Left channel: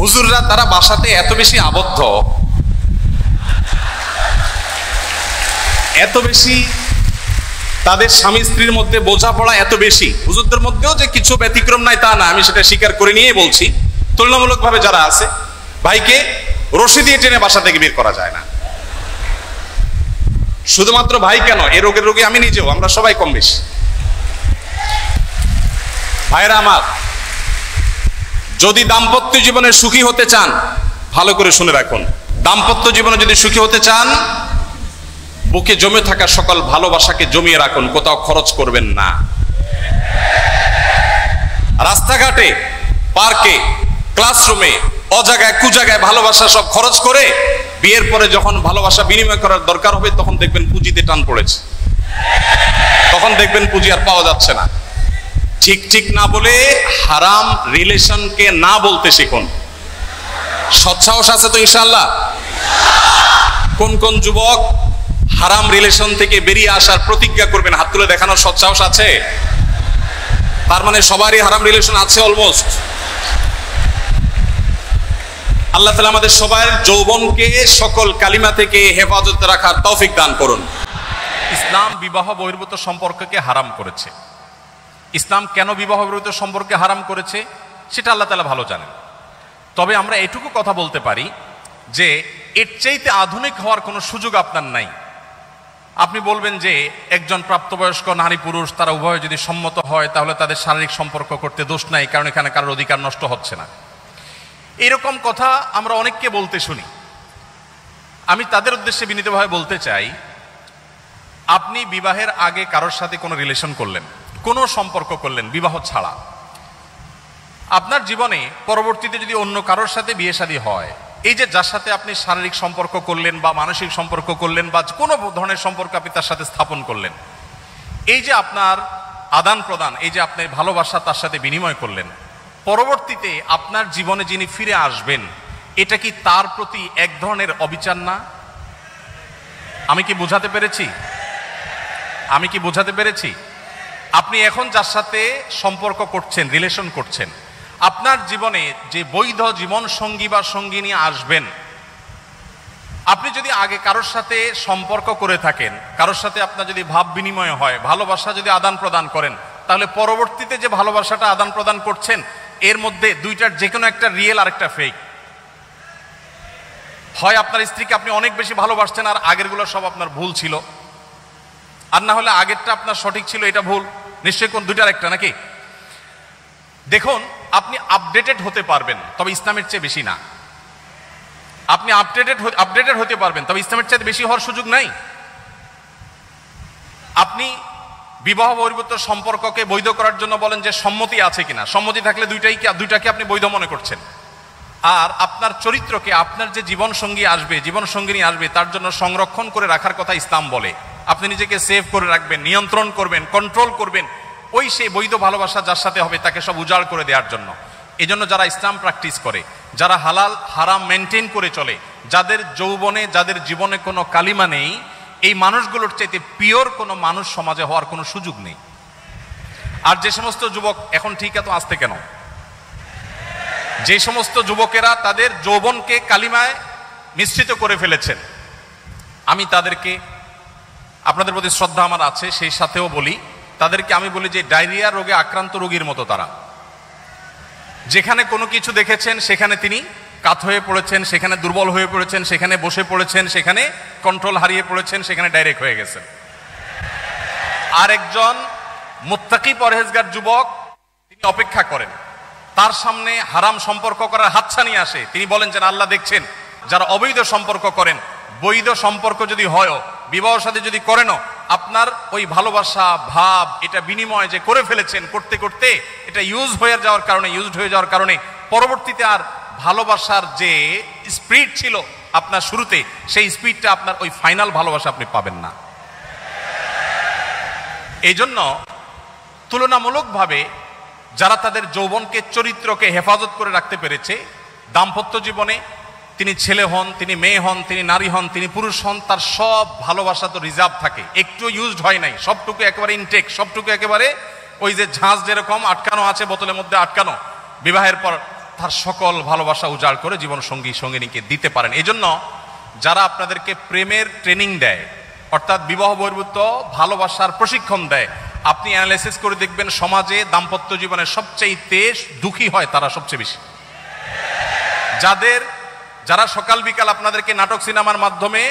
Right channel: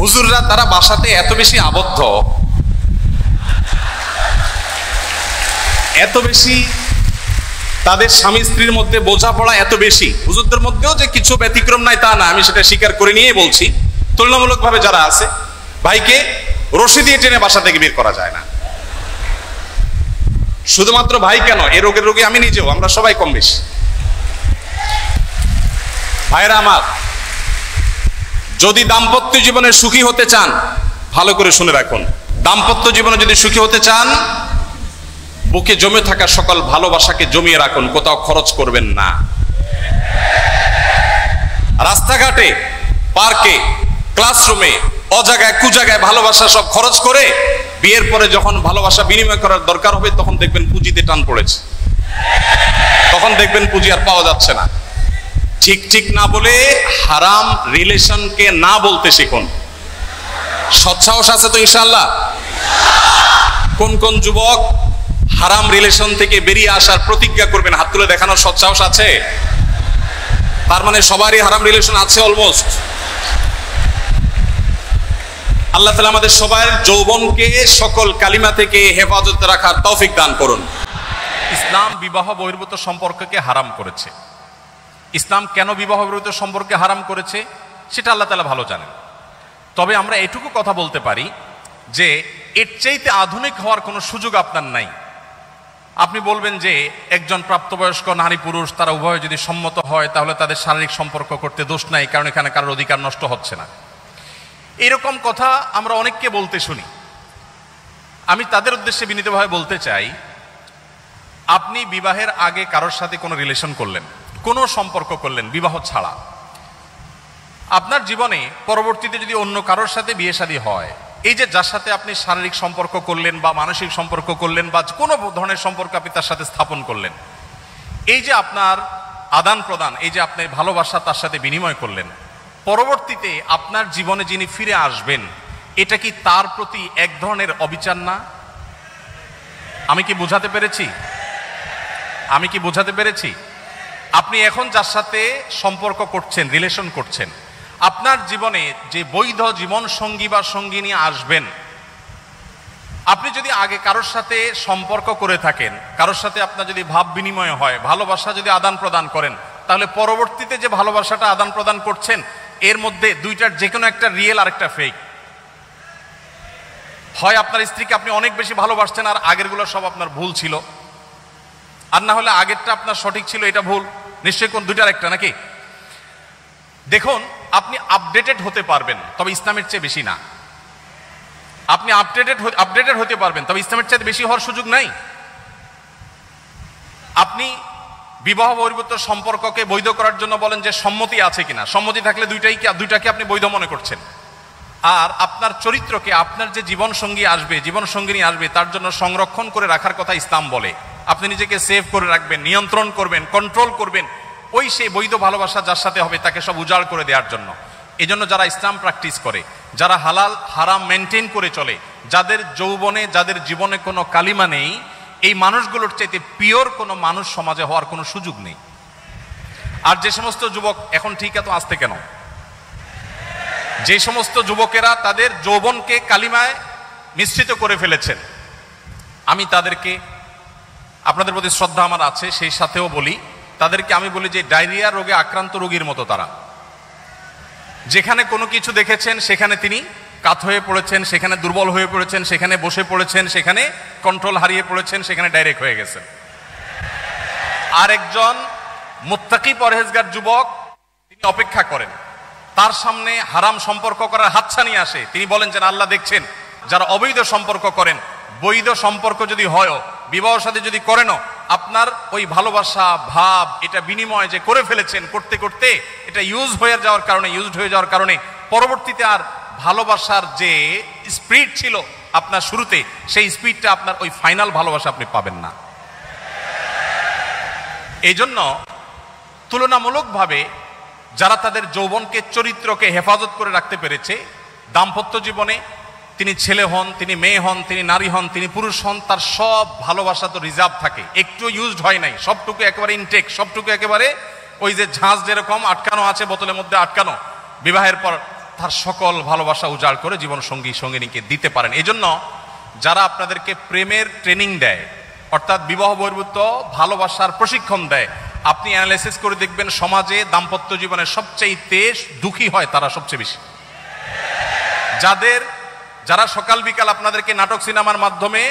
হুজুররা তারা বাসাতে এত বেশি আবদ্ধ, এত বেশি তাদের স্বামী স্ত্রীর মধ্যে বোঝাপড়া এত বেশি। হুজুরদের মধ্যেও যে কিছু ব্যতিক্রম নাই তা না, আমি সেটা স্বীকার করে নিয়ে বলছি। তুলনামূলকভাবে যারা আছে, ভাইকে রশি দিয়ে টেনে বাসা থেকে বের করা যায় না। শুধুমাত্র ভাই কেন, এ রোগের রোগী আমি নিজেও, আমরা সবাই কম বেশি। ভাইরা আমার, যদি দাম্পত্য জীবনে সুখী হতে চান, ভালো করে শুনে রাখুন, দাম্পত্য জীবনে যদি সুখী হতে চান, বুকে জমে থাকা সকল ভালোবাসাকে জমিয়ে রাখুন, কোথাও খরচ করবেন না। রাস্তাঘাটে, পার্কে, ক্লাসরুমে, অজায়গায় কুজায়গায় ভালোবাসা সব খরচ করে বিয়ের পরে যখন ভালোবাসা বিনিময় করার দরকার হবে, তখন দেখবেন পুঁজিতে টান পড়েছে, তখন দেখবেন পুঁজি আর পাওয়া যাচ্ছে না। ঠিক ঠিক না বলে হারাম রিলেশনকে না বলতে শিখুন। সৎসাহস আছে তো ইনশাআল্লাহ? কোন কোন যুবক হারাম রিলেশন থেকে বেরিয়ে আসার প্রতিজ্ঞা করবেন? হাত তুলে দেখানোর সৎসাহস আছে? তার মানে সবারই হারাম রিলেশন আছে অলমোস্ট। আল্লাহ তাআলা আমাদের সবার যৌবনকে সকল কালিমা থেকে হেফাজত রাখার তৌফিক দান করুন। ইসলাম বিবাহ বহির্ভূত সম্পর্ককে হারাম করেছে। ইসলাম কেন বিবাহ বহির্ভূত সম্পর্কে হারাম করেছে সেটা আল্লাহ তাআলা ভালো জানেন। তবে আমরা এটুকু কথা বলতে পারি যে এর চাইতে আধুনিক হওয়ার কোনো সুযোগ আপনার নাই। আপনি বলবেন যে একজন প্রাপ্তবয়স্ক নারী পুরুষ তারা উভয়ে যদি সম্মত হয় তাহলে তাদের শারীরিক সম্পর্ক করতে দোষ নাই, কারণ এখানে কারোর অধিকার নষ্ট হচ্ছে না। এরকম কথা আমরা অনেককে বলতে শুনি। আমি তাদের উদ্দেশ্যে বিনীতভাবে বলতে চাই, আপনি বিবাহের আগে কারোর সাথে কোনো রিলেশন করলেন, কোনো সম্পর্ক করলেন বিবাহ ছাড়া, আপনার জীবনে পরবর্তীতে যদি অন্য কারোর সাথে বিয়ে শাদী হয়, এই যে যার সাথে আপনি শারীরিক সম্পর্ক করলেন বা মানসিক সম্পর্ক করলেন বা কোনো ধরনের সম্পর্ক আপনি তার সাথে স্থাপন করলেন, এই যে আপনার আদান প্রদান, এই যে আপনি ভালোবাসা তার সাথে বিনিময় করলেন, পরবর্তীতে আপনার জীবনে যিনি ফিরে আসবেন, এটা কি তার প্রতি এক ধরনের অবিচার না? আমি কি বোঝাতে পেরেছি? আমি কি বোঝাতে পেরেছি? আপনি এখন যার সাথে সম্পর্ক করছেন, রিলেশন করছেন, আপনার জীবনে যে বৈধ জীবন সঙ্গী বা সঙ্গিনী আসবেন, আপনি যদি আগে কারোর সাথে সম্পর্ক করে থাকেন, কারোর সাথে আপনার যদি ভাব বিনিময় হয়, ভালোবাসা যদি আদান প্রদান করেন, তাহলে পরবর্তীতে যে ভালোবাসাটা আদান প্রদান করছেন এর মধ্যে দুইটার যে কোনো একটা রিয়েল আর একটা ফেক। হয় আপনার স্ত্রীকে আপনি অনেক বেশি ভালোবাসতেন আর আগেরগুলো সব আপনার ভুল ছিল, আর না হলে আগেরটা আপনার সঠিক ছিল, এটা ভুল। নিশ্চয়ই কোন দুইটার একটা নাকি? দেখুন, আপনি আপডেটেড হতে পারবেন, তবে ইসলামের চেয়ে বেশি না। আপনি আপডেটেড হতে পারবেন, তবে ইসলামের চেয়ে বেশি হওয়ার সুযোগ নাই। আপনি বিবাহ বহির্ভূত সম্পর্ককে বৈধ করার জন্য বলেন যে সম্মতি আছে কিনা, সম্মতি থাকলে দুইটাকে আপনি বৈধ মনে করছেন। আর আপনার চরিত্রকে, আপনার যে জীবন সঙ্গী আসবে, জীবন সঙ্গিনী আসবে, তার জন্য সংরক্ষণ করে রাখার কথা ইসলাম বলে। আপনি নিজেকে সেভ করে রাখবেন, নিয়ন্ত্রণ করবেন, কন্ট্রোল করবেন, ওই সেই বৈধ ভালোবাসা যার সাথে হবে তাকে সব উজাড় করে দেওয়ার জন্য। এই জন্য যারা ইসলাম প্র্যাকটিস করে, যারা হালাল হারাম মেনটেন করে চলে, যাদের যৌবনে, যাদের জীবনে কোনো কালিমা নেই, এই মানুষগুলোর চাইতে পিওর কোনো মানুষ সমাজে হওয়ার কোনো সুযোগ নেই। আর যে সমস্ত যুবক এখন ঠিক এত আসতে কেন, যে সমস্ত যুবকেরা তাদের যৌবনকে কালিমায় মিশ্রিত করে ফেলেছেন, আমি তাদেরকে, আপনাদের প্রতি শ্রদ্ধা আমার আছে, সেই সাথেও বলি, তাদেরকে আমি বলি যে ডায়রিয়া রোগে আক্রান্ত রোগীর মতো তারা। যেখানে কোনো কিছু দেখেছেন সেখানে তিনি কাত হয়ে পড়েছেন, সেখানে দুর্বল হয়ে পড়েছেন, সেখানে বসে পড়েছেন, সেখানে কন্ট্রোল হারিয়ে পড়েছেন, সেখানে ডাইরেক্ট হয়ে গেছেন। আর একজন মুত্তাকি পরহেজগার যুবক, তিনি অপেক্ষা করেন, তার সামনে হারাম সম্পর্ক করার হাতছানি আসে, তিনি বলেন যে আল্লাহ দেখছেন। যারা অবৈধ সম্পর্ক করেন, বৈধ সম্পর্ক যদি হয়, বিবাহ সাথে যদি করেনও, আপনার ওই ভালোবাসা ভাব এটা বিনিময় যে করে ফেলেছেন, করতে করতে এটা ইউজড হয়ে যাওয়ার কারণে পরবর্তীতে আর ভালোবাসার যে স্পিড ছিল আপনার শুরুতে, সেই স্পিডটা আপনার ওই ফাইনাল ভালোবাসা আপনি পাবেন না। এই জন্য তুলনামূলকভাবে যারা তাদের যৌবনকে, চরিত্রকে হেফাজত করে রাখতে পেরেছে, দাম্পত্য জীবনে তিনি ছেলে হন, তিনি মেয়ে হন, তিনি নারী হন, তিনি পুরুষ হন, তার সব ভালোবাসা তো রিজার্ভ থাকে, একটু ইউজড হয় নাই, সবটুকু একেবারে ইনটেক, সবটুকু একেবারে ওই যে ঝাঁজ যেরকম আটকানো আছে বোতলের মধ্যে আটকানো, বিবাহের পর তার সকল ভালোবাসা উজাড় করে জীবন সঙ্গী সঙ্গিনীকে দিতে পারেন। এই জন্য যারা আপনাদেরকে প্রেমের ট্রেনিং দেয়, অর্থাৎ বিবাহ বহির্ভূত ভালোবাসার প্রশিক্ষণ দেয়, আপনি অ্যানালাইসিস করে দেখবেন সমাজে দাম্পত্য জীবনে সবচেয়ে দুঃখী হয় তারা সবচেয়ে বেশি। যারা সকাল বিকাল আপনাদেরকে নাটক সিনেমার মাধ্যমে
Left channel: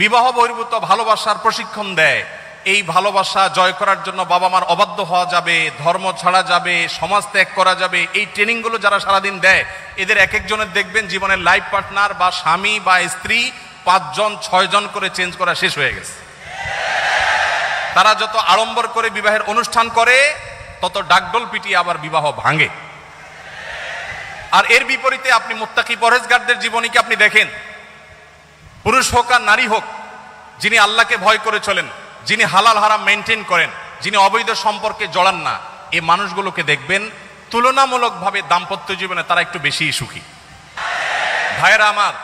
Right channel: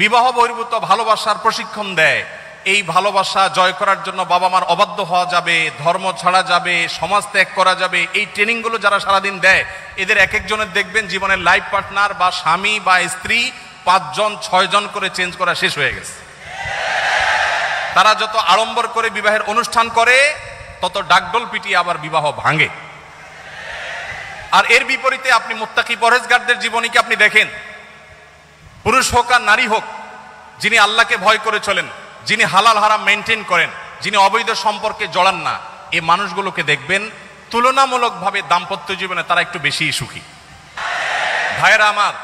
বিবাহ বহির্ভূত ভালোবাসার প্রশিক্ষণ দেয়, এই ভালোবাসা জয় করার জন্য বাবা মার অবাধ্য হওয়া যাবে, ধর্ম ছাড়া যাবে, সমাজ ত্যাগ করা যাবে, এই ট্রেনিং গুলো যারা সারাদিন দেয়, এদের এক একজনের দেখবেন জীবনের লাইফ পার্টনার বা স্বামী বা স্ত্রী 5 জন 6 জন করে চেঞ্জ করা শেষ হয়ে গেছে। তারা যত আড়ম্বর করে বিবাহের অনুষ্ঠান করে, তত ডাকডোল পিটিয়ে আবার বিবাহ ভাঙে। আর এর বিপরীতে আপনি মুত্তাকি পরহেজগারদের জীবনীকে আপনি দেখেন, পুরুষ হোক আর নারী হোক, যিনি আল্লাহকে ভয় করে চলেন, যিনি হালাল হারাম মেনটেন করেন, যিনি অবৈধ সম্পর্কে জড়ান না, এই মানুষগুলোকে দেখবেন তুলনামূলকভাবে দাম্পত্য জীবনে তারা একটু বেশি সুখী। ভাইরা আমার,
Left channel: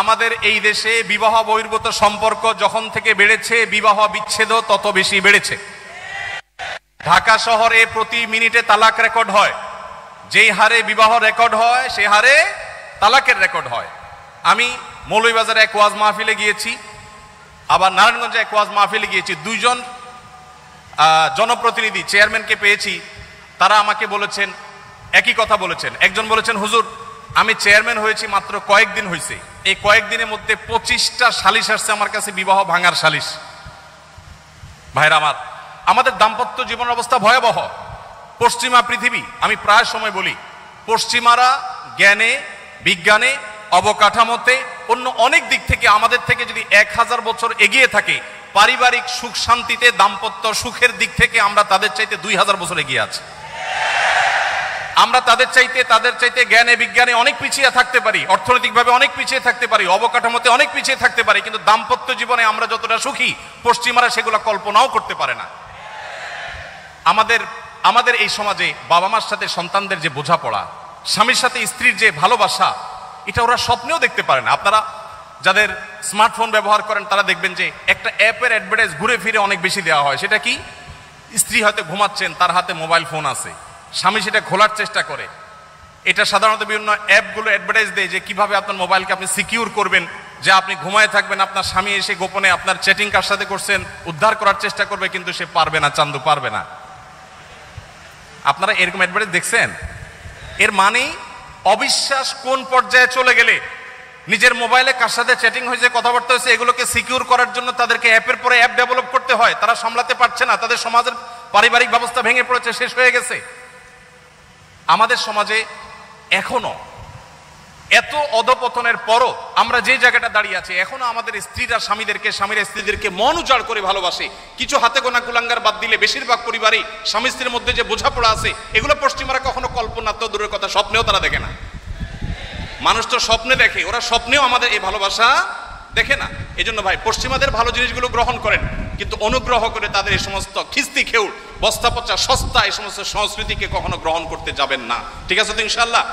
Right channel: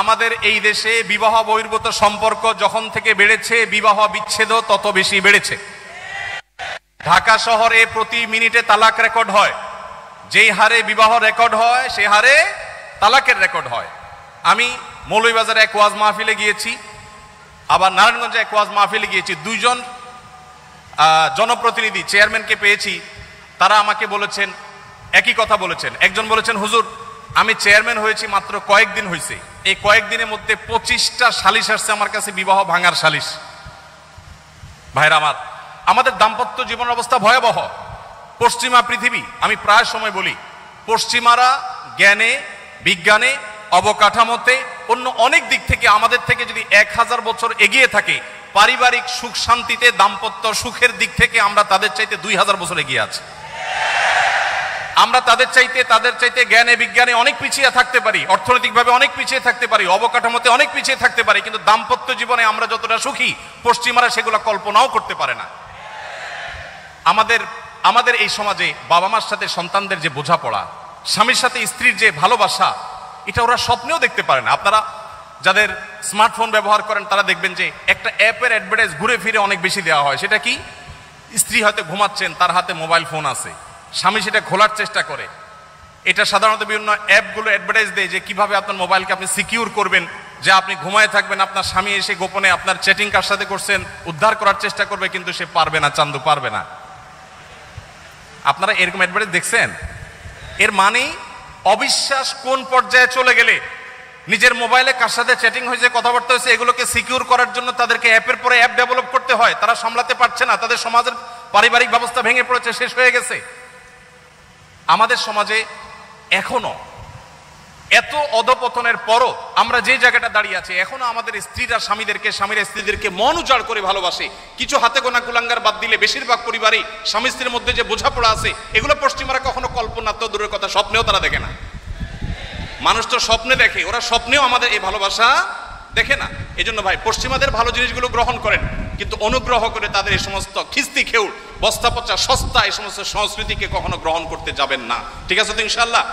আমাদের এই দেশে বিবাহ বহির্ভূত সম্পর্ক যখন থেকে বেড়েছে, বিবাহ বিচ্ছেদ তত বেশি বেড়েছে। ঢাকা শহরে প্রতি মিনিটে তালাক রেকর্ড হয়। যে হারে বিবাহ রেকর্ড হয়, সে হারে তালাকের রেকর্ড হয়। আমি মৌলভীবাজারে এক ওয়াজ মাহফিলে গিয়েছি, আবার নারায়ণগঞ্জে এক ওয়াজ মাহফিলে গিয়েছি। 2 জন জনপ্রতিনিধি চেয়ারম্যানকে পেয়েছি। তারা আমাকে বলেছেন, একই কথা বলেছেন। একজন বলেছেন, হুজুর আমি চেয়ারম্যান হয়েছি মাত্র কয়েকদিন হয়েছে, এই কয়েকদিনের মধ্যে 25টা সালিশ আসছে আমার কাছে, বিবাহ ভাঙার সালিশ। ভাইরা আমার, আমাদের দাম্পত্য জীবনের অবস্থা ভয়াবহ। পশ্চিমা পৃথিবী, আমি প্রায় সময় বলি, পশ্চিমারা জ্ঞানে, বিজ্ঞানে, অবকাঠামোতে, অন্য অনেক দিক থেকে আমাদের থেকে যদি 1000 বছর এগিয়ে থাকে, পারিবারিক সুখ শান্তিতে, দাম্পত্য সুখের দিক থেকে আমরা তাদের চাইতে 2000 বছর এগিয়ে আছি। আমরা তাদের চাইতে জ্ঞানে বিজ্ঞানে অনেক পিছিয়ে থাকতে পারি, অর্থনৈতিকভাবে অনেক পিছিয়ে থাকতে পারি, অবকাঠামোতে অনেক পিছিয়ে থাকতে পারি, কিন্তু দাম্পত্য জীবনে আমরা যতটা সুখী, পশ্চিমারা সেগুলো কল্পনাও করতে পারে না। আমাদের এই সমাজে বাবা মার সাথে সন্তানদের যে বোঝাপড়া, স্বামীর সাথে স্ত্রীর যে ভালোবাসা, এটা ওরা স্বপ্নেও দেখতে পারে না। আপনারা যাদের স্মার্টফোন ব্যবহার করেন তারা দেখবেন যে একটা অ্যাপের অ্যাডভার্টাইজ ঘুরে ফিরে অনেক বেশি দেওয়া হয়। সেটা কি? স্ত্রী হয়তো ঘুমাচ্ছেন, তার হাতে মোবাইল ফোন আছে, স্বামী সেটা খোলার চেষ্টা করে। এটা সাধারণত বিভিন্ন অ্যাপগুলো অ্যাডভার্টাইজ দেয় যে কিভাবে আপনার মোবাইলকে আপনি সিকিউর করবেন, যে আপনি ঘুমায় থাকবেন, আপনার স্বামী এসে গোপনে আপনার চ্যাটিং কার সাথে করছেন উদ্ধার করার চেষ্টা করবে, কিন্তু সে পারবে না, চান্দু পারবে না। আপনারা এরকম অ্যাডভার্টাইজ দেখছেন? এর মানে অবিশ্বাস কোন পর্যায়ে চলে গেলে নিজের মোবাইলে কার সাথে চ্যাটিং হয়েছে, কথাবার্তা হয়েছে, এগুলোকে সিকিউর করার জন্য তাদেরকে অ্যাপের পরে অ্যাপ ডেভেলপ করতে হয়। তারা সামলাতে পারছে না, তাদের সমাজের পারিবারিক ব্যবস্থা ভেঙে পড়েছে, শেষ হয়ে গেছে। আমাদের সমাজে এখনো এত অধপতনের পরও আমরা যে জায়গাটা দাঁড়িয়ে আছি, এখনো আমাদের স্ত্রীরা স্বামীদেরকে, স্বামীরা স্ত্রীদেরকে মন উজাড় করে ভালোবাসে। কিছু হাতে গোনা কুলাঙ্গার বাদ দিলে বেশিরভাগ পরিবারে স্বামী স্ত্রীর মধ্যে যে বোঝাপড়া আছে, এগুলো পশ্চিমারা কখনো কল্পনা করে দূরের কথা, স্বপ্নেও তারা দেখে। মানুষ তো স্বপ্ন দেখে, ওরা স্বপ্নেও আমাদের এই ভালোবাসা দেখে না। এই জন্য ভাই, পশ্চিমাদের ভালো জিনিসগুলো গ্রহণ করেন, কিন্তু অনুগ্রহ করে তাদের এই সমস্ত খিস্তি খেউ, বস্তা পচা সস্তা এই সমস্ত সংস্কৃতিকে কখনো গ্রহণ করতে যাবেন না। ঠিক আছে তো ইনশাআল্লাহ?